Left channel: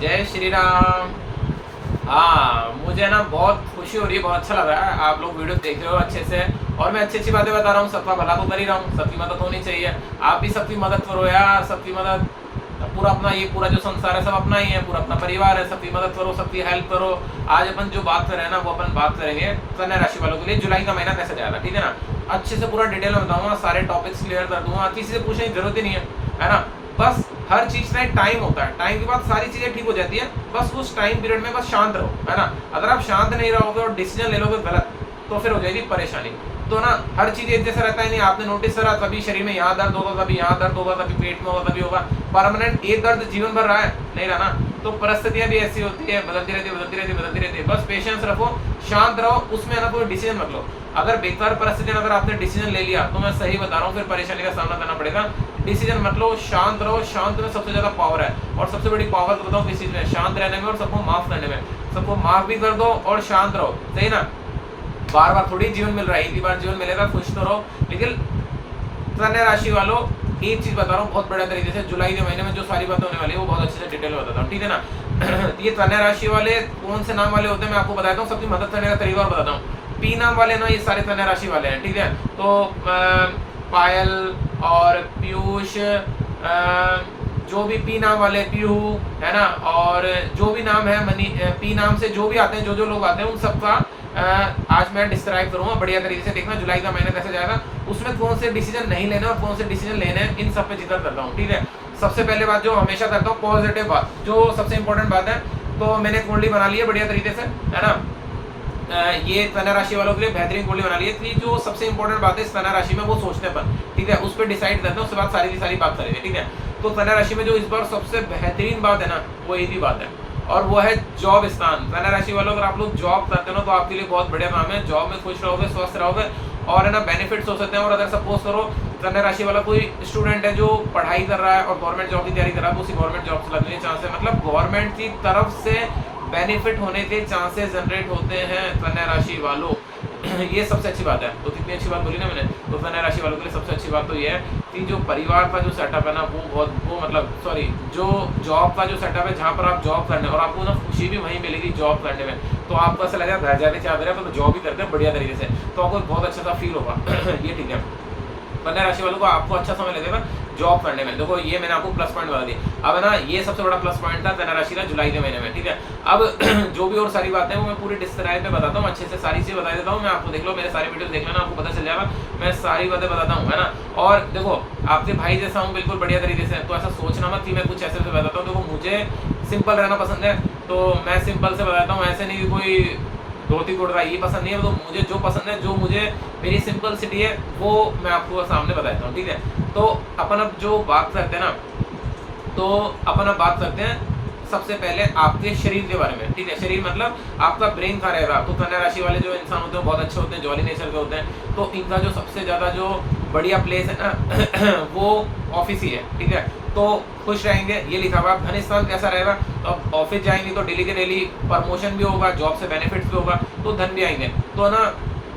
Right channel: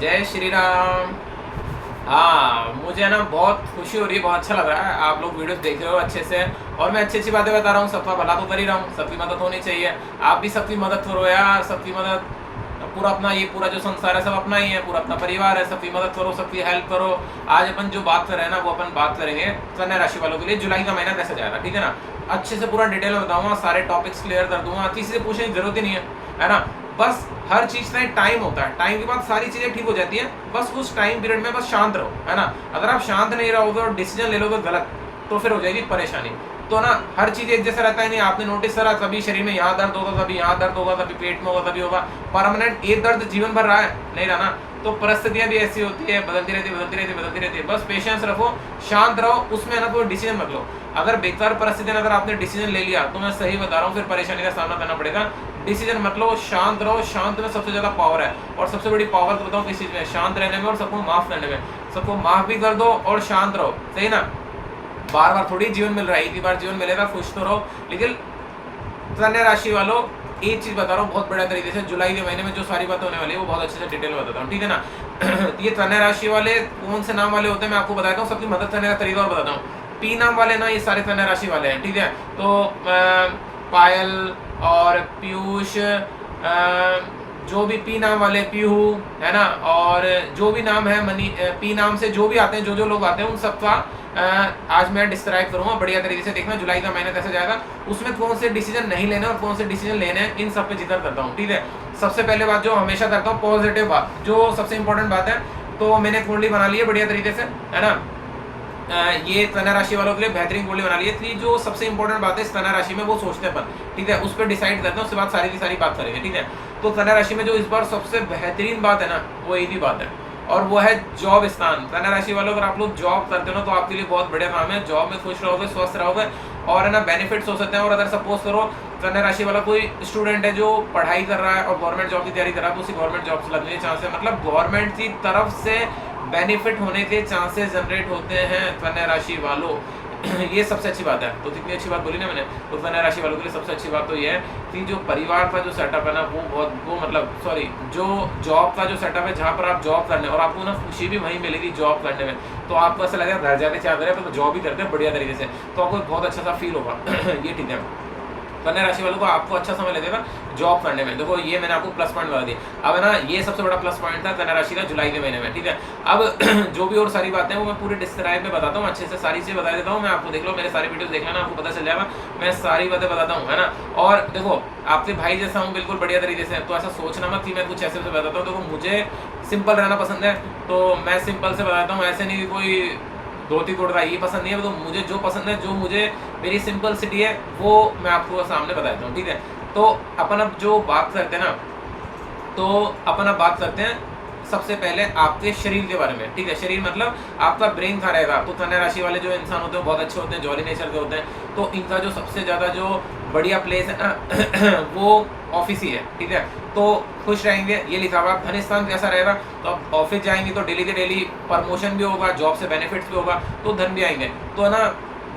जय श्री राम। हाँ, मुझे ना बहुत खुशी हो रही है, बहुत अच्छा लग रहा है। आप लोग वीडियो देख रहे हो अच्छे से और मैं अच्छी अच्छी बातें बता रहा हूँ। सबका भला तो कर ही रहा हूँ, सबकी मदद होनी चाहिए। आप भी सबकी मदद करो यार, सबकी मदद। पूरा अपना ये पूरा जो संसार है सब अपना ही है, पूरा अपना परिवार है। सबकी मदद करो, सबकी हेल्प करो। आज अपन जो बात कर रहे हैं ना वो अपन बात करेंगे कन्या राशि वालों के लिए जुलाई का महीना कैसे जाएगा, ठीक है ना। अच्छे से पूरा डिटेल में बताऊंगा, सारे टॉपिक्स क्लियर कर दूंगा, किसी से पूछने की जरूरत ही नहीं है ना। बस हर चीज का एक टाइम होता है, टाइम के बाद सारी चीजें ठीक हो जाती है। बस उस टाइम पीरियड में बस शांत रहो, है ना। अगर आप शांत नहीं रहोगे और डिसीजन ले लोगे गलत, तो फिर हो जाएगी परेशानी। तो ना हर चीज एक जैसा रहता है नहीं। आपने नोटिस करा, कभी शरीर में यहाँ दर्द होगा, कभी यहाँ दर्द होगा, कभी पेट में होगा, कभी होगा। परमानेंट एक दर्द जीवन भर रहा है नहीं रहा ना। तो परिस्थितियां भी ऐसी होती है, बदलती रहती है, बदलती रहती है, बदलती रहती है। बस पेशेंस रखो, शांत रहो, उसमें ना कोई डिसीजन मत लो। अगर बेकार परिस्थिति अगर आपने डिसीजन ले लिया तो मैं सही बता रहा हूँ फिर परेशानी का सामना करना पड़ेगा। डिसीजन मत लो, शांत रहो। शांत में सबसे ज्यादा पावर है, और सबसे बड़ी पावर तो बताऊँ किस चीज में, शांत रहने में और सबको माफ करने में। सबको माफ भी कर दो और शांत रहो, सही ना। बार बार थोड़ी जीवन मिल रहा है, एक ही बार जीवन मिलेगा, खुश तो रहो। लेकिन कन्या राशि वालों एक चीज बता रहा हूँ बहुत बड़े तरीके से, जुलाई के महीने में जो सारी बातें होने वाली है वो बहुत अच्छे से डिटेल में बताता हूँ, ठीक है ना। ये कन्या राशि वाले कौन से नाम वाले होते हैं मैं आपको बताता हूँ, सबकी मदद करने का तरीका और बताता हूँ। पी नाम वाले ना ये सारे कन्या राशि वाले हैं, ठीक है। तो पायल और पीयूष, जो भी पी नाम वाले, पीहू, है ना, और जो भी नाम है मनी, पी नाम से जो भी आते हैं, जो लोग आते हैं उन सबका आज मैं डिस्क्राइब करूंगा बढ़िया तरीके से। देखना जुलाई का महीना कैसे जाएगा, उसमें कौन से डिसीजन नहीं लेने और कौन से डिसीजन लेने हैं, इन सब पे जिक्र करता हूँ, ठीक है। सबसे पहले बात जो हमेशा करता हूँ, पॉजिटिव बात, जो सबसे इंपॉर्टेंट बात है। तो मैंने कुंडली बना ली है बढ़िया तरीके से, है ना। ये कन्या राशि वालों के लिए बेहतरीन कुंडली बना ली है। कि जो सबसे इंपॉर्टेंट बात है इस कन्या राशि में वो सोचने पर, ठीक है, उस पर डिसाइड करते हैं, उसके बाद सारी की सारी बात करेंगे, ठीक है। तो कन्या राशि में जो इस बार सबसे बेहतरीन बात है ना वो एक ही बात है, और वो है जॉब स्थान। कन्या राशि वालों अगर आप लोग जॉब करते हो ना तो आपके लिए बहुत बढ़िया काम है। जॉब में खुश रहोगे, स्वस्थ रहोगे, और है ना बेनिफिट्स हो सकते हैं। और अगर सपोज करो कन्या राशि वाला कोई स्टूडेंट है जो पढ़ाई कर रहा है और गवर्नमेंट जॉब की तैयारी कर रहा है, तो उसी गवर्नमेंट जॉब से लगने के चांस है, मतलब गवर्नमेंट की तरफ से बेनिफिट होने के चांसेस जनरेट होते हैं कन्या राशि वालों। ये सबसे अच्छी बात है। तो कितनी अच्छी बात बोली ना मैंने। तो कन्या राशि वालों के लिए सबसे अच्छी बात तो ये है कि जो परिवार का जो सेटअप है ना वो मतलब सॉरी, जो जॉब का जो सेटअप है जहाँ पर आप जॉब करने, और आपको ना खुशी भी वहीं मिलेगी जॉब करने में। तो आपको ऐसा लगेगा घर जाके चाह रहे हैं तो जॉब ही करते हैं बढ़िया तरीके से, तो आपको बहुत अच्छा सा फील होगा। ये ठीक है। कन्या राशि वालों को आपको अच्छा समय लगेगा जॉब करने में। देखो ये मैंने आपको प्लस पॉइंट बता दिया। अब है ना ये सबसे बड़ा प्लस पॉइंट था कन्या राशि का जुलाई के महीने में, ठीक है। अब जो भी और सारी बातें हैं वो मैं पूरी डिस्क्राइब में बताता हूँ, अच्छे से सारी चीजें बता देता हूँ मैं आपको। देख लो मेरे सारी वीडियो देख लेना, आपको पता चल जाएगा। मैं सारी बातें बताता हूँ, है ना। और देखो आपके भाई जैसा हूँ बिल्कुल बढ़िया तरीके से, तो ऐसा सोचना मत कि मैं कुछ ऐसे से बताता हूँ। देखो मुझे सिंपल रहना पसंद है, तो मैं सिंपल से बताता हूँ। ऐसे नहीं कोई धोती कुर्ता ये पसंद नहीं है, तो मुझे जो पसंद है, जो मुझे मेरी सिंपल सिटी है वो मैं आपको सामने बताता हूँ, ठीक है। तो अपन अब जो बात करते हैं ना, तो अपन अब बात करते हैं सबसे पहले आपके शरीर के बारे में, ठीक है। शरीर मतलब आपका ब्रेन कहाँ रहेगा। तो कन्या राशि वाले जो इंसान होते हैं बहुत अच्छे होते हैं, जॉली नेचर के होते हैं। तो इनका जो सबसे ज्यादा जो बढ़िया प्लेस है ना वो ऑफिस ही है, ठीक है। तो खुश रहेंगे, ये लिखा हुआ। धन स्थान कैसा रहेगा, तो अब ऑफिस जाएंगे तो डेली के डेली प्रमोशन भी होगा, जॉब से बेनिफिट्स भी होगा, तो धन भी आएंगे। तो है ना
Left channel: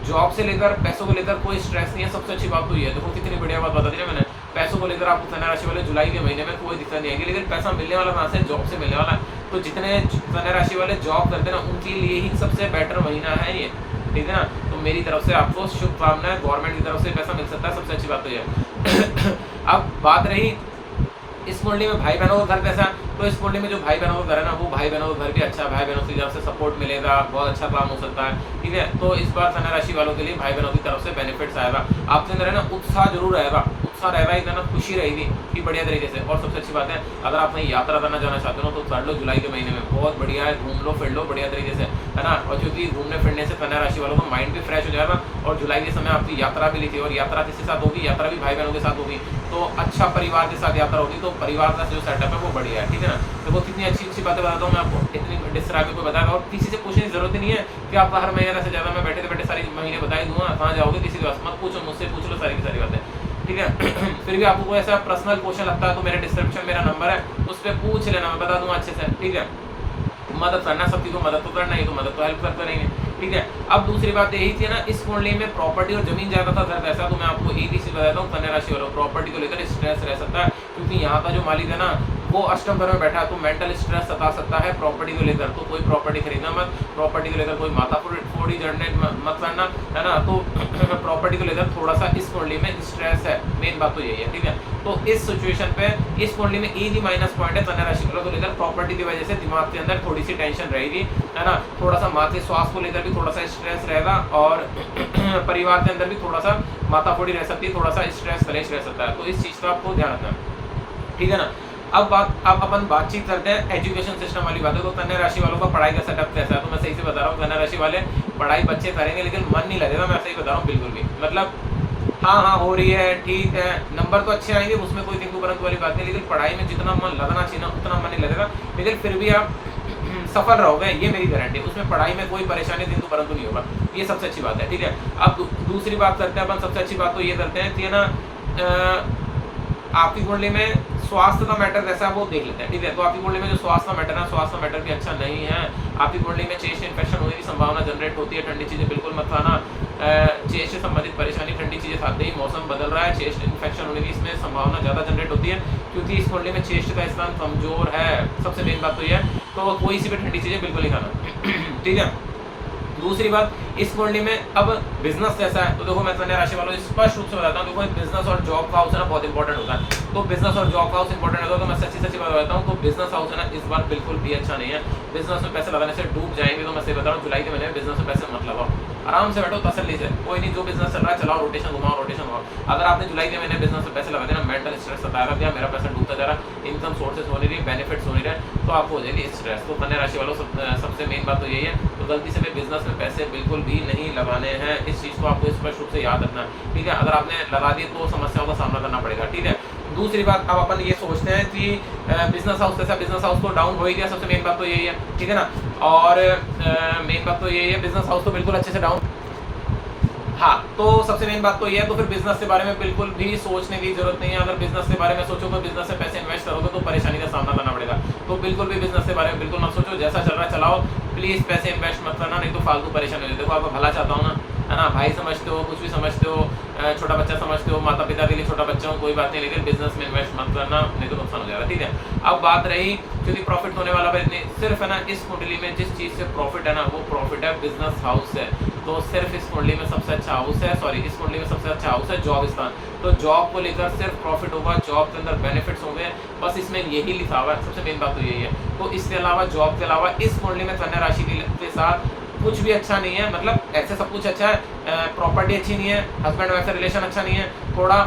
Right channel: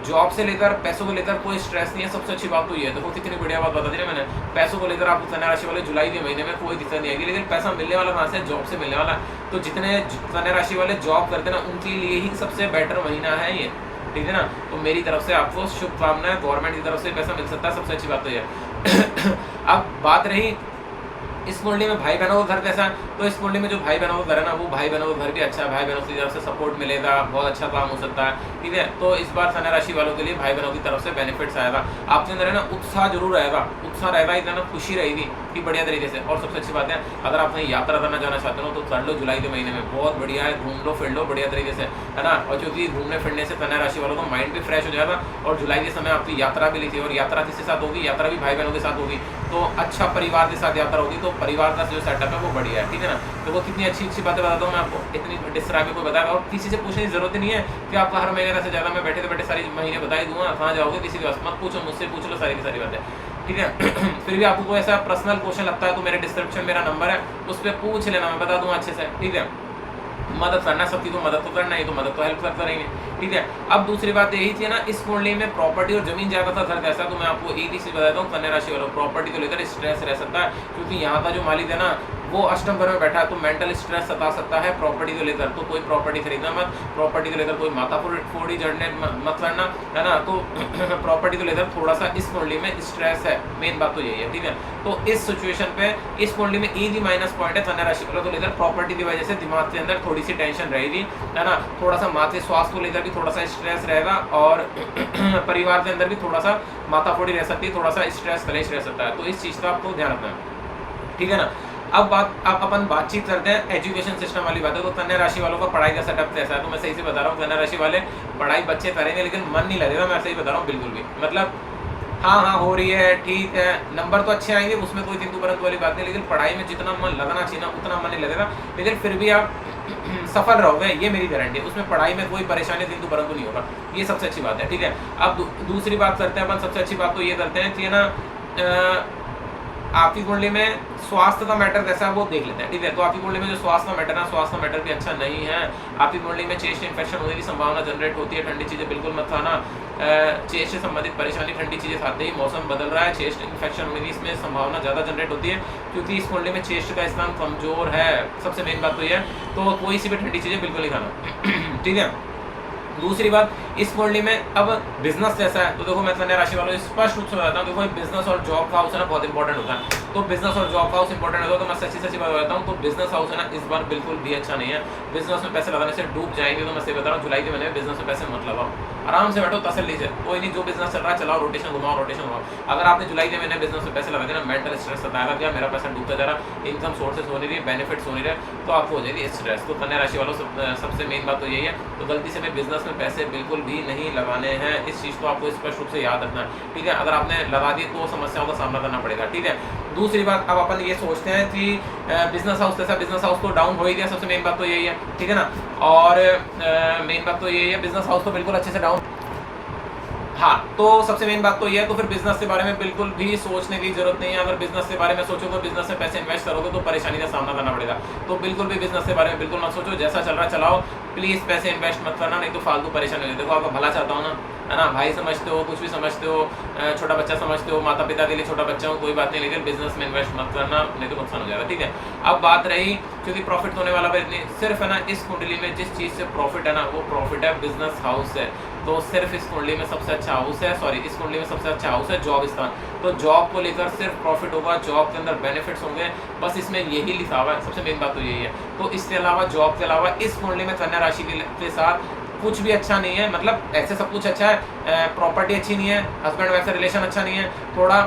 जॉब से लेकर पैसों को लेकर कोई स्ट्रेस नहीं है। सबसे अच्छी बात तो ये है, देखो कितनी बढ़िया बात बता दी ना मैंने। पैसों को लेकर आपको कन्या राशि वाले जुलाई के महीने में कोई दिक्कत नहीं आएगी। लेकिन पैसा मिलने वाला कहाँ से, जॉब से मिलने वाला। तो जितने कन्या राशि वाले जॉब करते हैं ना उनके लिए ही सबसे बेटर महीना है ये, ठीक है ना। तो मेरी तरफ से आपको शुभकामनाएं, गवर्नमेंट की तरफ से पैसा मिल सकता है, सबसे अच्छी बात तो ये। अब बात रही इस कुंडली में भाई बहनों का घर कैसा है, तो इस कुंडली में जो भाई बहनों का घर है ना वो भाई बहनों का घर भी अच्छा है। भाई बहनों की तरफ से सपोर्ट मिलेगा, बहुत अच्छा काम हो सकता है, ठीक है। तो इस बार कन्या राशि वालों के लिए भाई बहनों की तरफ से बेनिफिट्स आएगा। आपके अंदर है ना उत्साह जरूर रहेगा, उत्साह रहेगा, इतना ना खुशी रहेगी कि बढ़िया तरीके से। और सबसे अच्छी बात है, अगर आप कहीं यात्रा करना जाना चाहते हो तो कर लो जुलाई के महीने में, बहुत बढ़िया है। घूम लो फिर लो बढ़िया तरीके से, है ना। और क्योंकि घूमने फिरने से कन्या राशि वालों का माइंड भी फ्रेश हो जाएगा। और जुलाई के समय आपकी यात्रा भी लिखी, और यात्रा किसके साथ होगी, यात्रा भी भाई बहनों के साथ होगी। तो अच्छा परिवार के साथ यात्रा होगी, तो परिवार का जो सेटअप है वो बढ़िया है, ठीक है ना। तो वो कितनी अच्छी अच्छी बातें बताता हूँ मैं आपको, इतनी डिस्क्राइब में कोई बताएगा। और किसी से पूछने की जरूरत नहीं है कि आपका हर महीने कैसे ज़्यादा, मैं बैठे बैठे सारी महीने बता ही दूंगा। कहाँ जाओगे किसी के पास मत पूछो, मुझसे पूछ लो सारी की सारी बातें, ठीक है। फिर भी आपको कोई ऐसा पर्सनल क्वेश्चन लगता है तो मेरे डिस्क्रिप्शन मेरा नंबर है, उस पर पूछ लेना, मैं बता दूंगा अच्छे से, ठीक है। मदद करना, सबकी को मदद तो करना ही, तो मदद तो हेल्प करते रहेंगे, ठीक है। अब दूसरी बात यही थी ना, इस कुंडली में प्रॉपर्टी और जमीन जायदाद का घर कैसा, तो मैं आपको एक ही चीज बताता हूँ, कन्या राशि वालों प्रॉपर्टी को लेकर स्ट्रेस रह सकता है, क्योंकि यहाँ का जो मालिक है ना वो अष्टम घर में बैठा है तो मेंटल स्ट्रेस सता सकता है प्रॉपर्टी को लेकर, तो कोई प्रॉपर्टी खरीदना मत, प्रॉपर्टी को लेकर कोई माथा फोड़ी जड़ने मत करना, है ना। तो प्रॉपर्टी को लेकर थोड़ा सा इस कुंडली में स्ट्रेस है, मेन बात तो यही है, ठीक है। तो इस सिचुएशन पे इस कुंडली में एक ही माइनस पॉइंट है कन्या राशि वालों को लेकर, प्रॉपर्टी की वजह से दिमाग के अंदर थोड़ी सी टेंशन रहेगी, है ना। थोड़ा सा माथे स्वास्थ्य को लेकर भी थोड़ा सा स्ट्रेस रहेगा, और परिवार के अंदर भी थोड़ा सा माथा फोड़ी रह सकती है, थोड़ा सा स्ट्रेस कलेश रह सकता है, तो इस चीज़ का आपको ध्यान रखना है, ठीक है ना। अब अपन बातचीत करते हैं एजुकेशन सिस्टम वाली बात है। तो कन्या राशि वालों का पढ़ाई का सेटअप कैसा है, तो मैं सही से बता रहा हूँ, कन्या राशि वाले पढ़ाई बच्चे करेंगे लेकिन मन नहीं लगेगा, मैं सही बता रहा हूँ बिल्कुल भी, मतलब हाँ हो रही है, ठीक है, नंबर तो अच्छे आएंगे, उसमें कोई किंतु परंतु वाली बात नहीं, लेकिन पढ़ाई में जितना मन लगना चाहिए ना उतना मन नहीं लगेगा, लेकिन फिर भी आप सफल रहोगे, ये मेरी गारंटी है। उसमें पढ़ाई में कोई परेशानी किंतु परंतु नहीं होगा, ये सबसे अच्छी बात है, ठीक है। अब दूसरी बात करते हैं अपन, सबसे अच्छी बात तो ये करते हैं कि ना आपकी कुंडली में स्वास्थ्य का मैटर कैसा है वो देख लेते हैं, ठीक है। तो आपकी कुंडली में जो स्वास्थ्य का मैटर है, स्वास्थ्य का मैटर भी अच्छा नहीं है। आपकी कुंडली में चेस्ट इन्फेक्शन होने की संभावना जनरेट होती है, ठंडी चीज़ें बिल्कुल मत खाना, चेस्ट से संबंधित परेशानी ठंडी चीज़ें खाते ही, मौसम बदल रहा है, चेस्ट इन्फेक्शन होने की इसमें संभावना ज़्यादा जनरेट होती है, क्योंकि इस कुंडली में चेस्ट का स्थान कमजोर है, सबसे मेन बात तो ये है। तो कोई सी भी ठंडी चीज़ें बिल्कुल नहीं खाना, ठीक है। दूसरी बात, इस कुंडली में अब बिजनेस कैसा है, तो देखो मैं कन्या राशि वालों स्पष्ट रूप से बताता हूँ, देखो बिजनेस और जॉब का हाउस है ना बहुत इंपॉर्टेंट होता है। तो बिजनेस और जॉब का हाउस इंपॉर्टेंट होता है, तो मैं सच्ची बात बताता हूँ, तो बिजनेस हाउस है ना इस बार बिल्कुल भी अच्छा नहीं है, बिजनेस में पैसे लगाने से डूब जाएंगे। तो मैं सही बता रहा हूँ, जुलाई के महीने में बिजनेस में पैसे मत लगाओ, आराम से बैठो तसल्ली से, कोई नहीं, जो बिजनेस चल रहा है चलाओ, रोटेशन घुमाओ। अगर आपने जुलाई के महीने बिजनेस में पैसे लगा दिए ना, मेंटल स्ट्रेस सताएगा, क्या मेरा पैसा डूबता जा रहा, इनकम सोर्सेज हो नहीं रही, बेनिफिट्स हो नहीं रहे, तो आपको हो जाएगी स्ट्रेस। तो कन्या राशि वालों सबसे मेन बात तो यही है, तो गलती से भी बिजनेस में पैसे बिल्कुल भी नहीं लगाने हैं, इस चीज़ को आपको स्पष्ट रूप से याद रखना है, ठीक है। अगर आपने लगा दी तो समस्याओं का सामना करना पड़ेगा, ठीक है। दूसरी बात, अब अपन ये सोचते हैं कि बिजनेस हाउस कैसा, बिजनेस हाउस तो डाउन हो ही गया, सबसे मेन बात तो यही है, ठीक है ना। और मेन बात तो यही है, बिजनेस हाउस तो बिल्कुल अच्छे से डाउन, हाँ, तो सबसे मेन बात तो ये है, तो फिर बिजनेस के बारे में बिल्कुल भी सोचने की जरूरत नहीं है। अगर बिजनेस के बारे में सोचोगे, बिजनेस में पैसे इन्वेस्ट करोगे तो परेशानी का सामना करना पड़ेगा, तो बिल्कुल भी बिजनेस के बारे में बिल्कुल मत सोचो, जैसा चल रहा है चलाओ, प्लीज पैसे इन्वेस्ट मत करना, नहीं तो फालतू परेशानी हो जाए। देखो आप भला चाहता हूँ ना, है ना, भाई समझते हो, कुछ भी समझते हो, छोटा बच्चा समझते हो, माता पिता के लिए छोटा बच्चा हो, कोई बात नहीं, लेकिन बिजनेस में इन्वेस्ट मत करना, नहीं तो नुकसान हो जाएगा, ठीक है। अब बात रही, क्योंकि प्रॉफिट होने वाला सिर्फ है ना इस कुंडली में जिस चीज़ से प्रॉफिट है ना, वो प्रॉफिट है बिजनेस हाउस है। तो सिर्फ इस कुंडली में सबसे अच्छा हाउस है, सॉरी, इस कुंडली में सबसे अच्छा हाउस है जॉब स्थान, तो जॉब को लेकर सिर्फ प्रॉफिट होगा, जॉब के अंदर बेनिफिट्स होंगे, बस इसमें यही लिखा हुआ है, सबसे मेन बात तो यही है। तो इसके अलावा, जॉब के अलावा इस कुंडली में कन्या राशि के साथ कुछ भी अच्छा नहीं है, मतलब ऐसे सब कुछ अच्छा है, प्रॉपर्टी अच्छी नहीं है, हस्बैंड वाइफ से रिलेशन अच्छा नहीं है, थोड़ा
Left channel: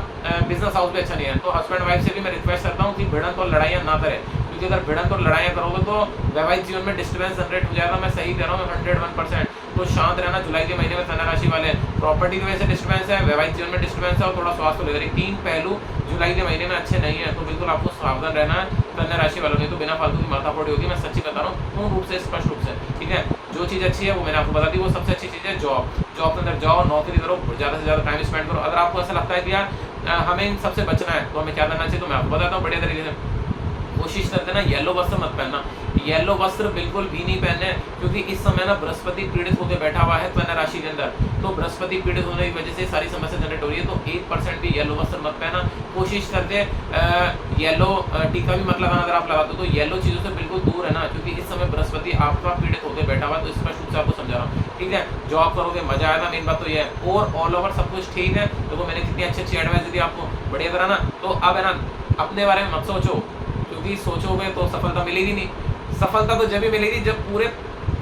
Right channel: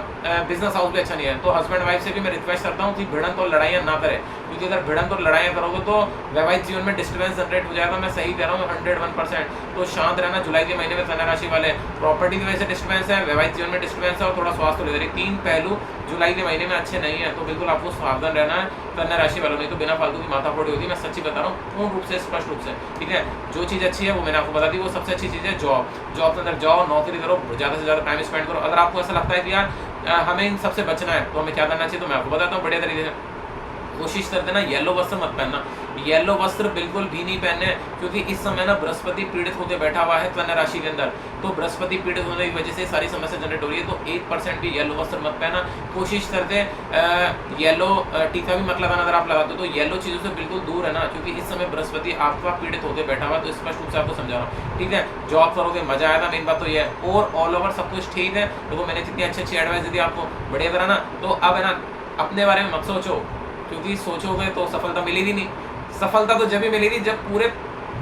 बिजनेस हाउस भी अच्छा नहीं है। तो हस्बैंड वाइफ से भी मैं रिक्वेस्ट करता हूँ कि भिड़ंत और लड़ाइयाँ ना करें, क्योंकि अगर भिड़ंत और लड़ाइयाँ करोगे तो वैवाहिक जीवन में डिस्टर्बेंस जनरेट हो जाएगा, मैं सही कह रहा हूँ 101%। तो शांत रहना, जुलाई के महीने में कन्या राशि वाले, प्रॉपर्टी की वजह से डिस्टर्बेंस है, वैवाहिक जीवन में डिस्टर्बेंस है, और थोड़ा स्वास्थ्य लेकर, 3 पहलू जुलाई के महीने में अच्छे नहीं है, तो बिल्कुल आपको सावधान रहना है कन्या राशि वालों, नहीं तो बिना फालतू की माथाफोड़ी होगी, मैं सच्ची बता रहा हूँ पूर्ण रूप से, स्पष्ट रूप से, ठीक है। जो चीज़ अच्छी है वो मैंने आपको बता दी, वो सबसे अच्छी चीज़ है जॉब, जॉब के अंदर जाओ, नौकरी करो, ज़्यादा से ज़्यादा टाइम स्पेंड करो। अगर आपको ऐसा लगता है कि यार हमें इन सबसे बचना है, तो हमें क्या करना चाहिए, तो मैं आपको बताता हूँ बढ़िया तरीके से। कोशिश करते ना येलो वस्त्र मत पहनना, येलो वस्त्र बिल्कुल भी नहीं पहनने, क्योंकि इस समय ना बृहस्पति पीड़ित होकर बैठा हुआ है कन्या राशि के अंदर, तो बृहस्पति पीड़ित होने की वजह से सारी समस्या जनरेट हो रही है, तो 1% भी येलो वस्त्र मत पहना। कोशिश करते येलो टीका भी मत लगाना, अगर आप लगाते हो तो येलो चीज़ों से बिल्कुल दूर है ना, क्योंकि इस समय बृहस्पति आपका पीड़ित होकर बैठा हुआ है, तो स्पष्ट रूप से आपको समझा रहा हूँ, ठीक है। जॉब करोगे मजा आएगा, मेन बात तो ये है, और ऑल ओवर सब कुछ ठीक है। तो वो मैंने कितनी अच्छी एडवाइस दी आपको, बढ़िया तरह ना, तो अब है ना अपने बारे में मत सोचो, क्योंकि सोचोगे तो सफलता मिलेगी नहीं। सफलता तो जब भी मिलेगी जब पूरे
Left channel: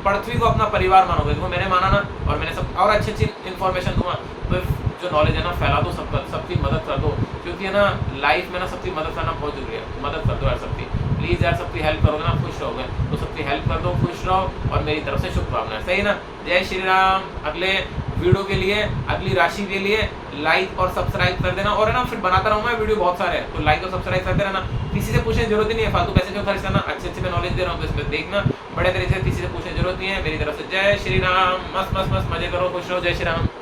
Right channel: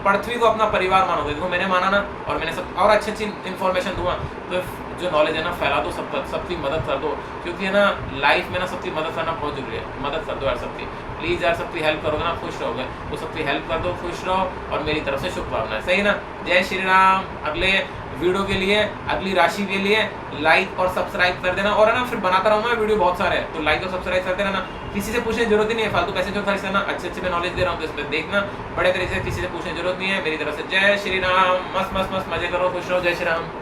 पृथ्वी को अपना परिवार मानोगे, देखो मैंने माना ना, और मैंने सब और अच्छी इन्फॉर्मेशन दूंगा, तो जो नॉलेज है ना फैला दो, सबकी मदद कर दो, क्योंकि है ना लाइफ में ना सबकी मदद करना बहुत जरूरी है, मदद कर दो यार सबकी, प्लीज़ यार, सबकी हेल्प करोगे ना खुश रहोगे, तो सबकी हेल्प कर दो, खुश रहो, और मेरी तरफ से शुभकामनाएं, सही ना। जय श्री राम। अगले वीडियो के लिए, अगली राशि के लिए लाइक और सब्सक्राइब कर देना, और है ना फिर बनाता रहूँगा वीडियो बहुत सारे, तो लाइक और सब्सक्राइब करते रहना, किसी से पूछने की जरूरत ही नहीं है, फालतू पैसे जो खर्च करना, अच्छे मैं नॉलेज दे रहा हूँ तो इसमें देखना, बड़े तरीके से किसी से पूछने की जरूरत नहीं है। मेरी तरफ से जय श्री राम, मस्त मस्त मस्त मजे करो, खुश रहो, जय श्री राम।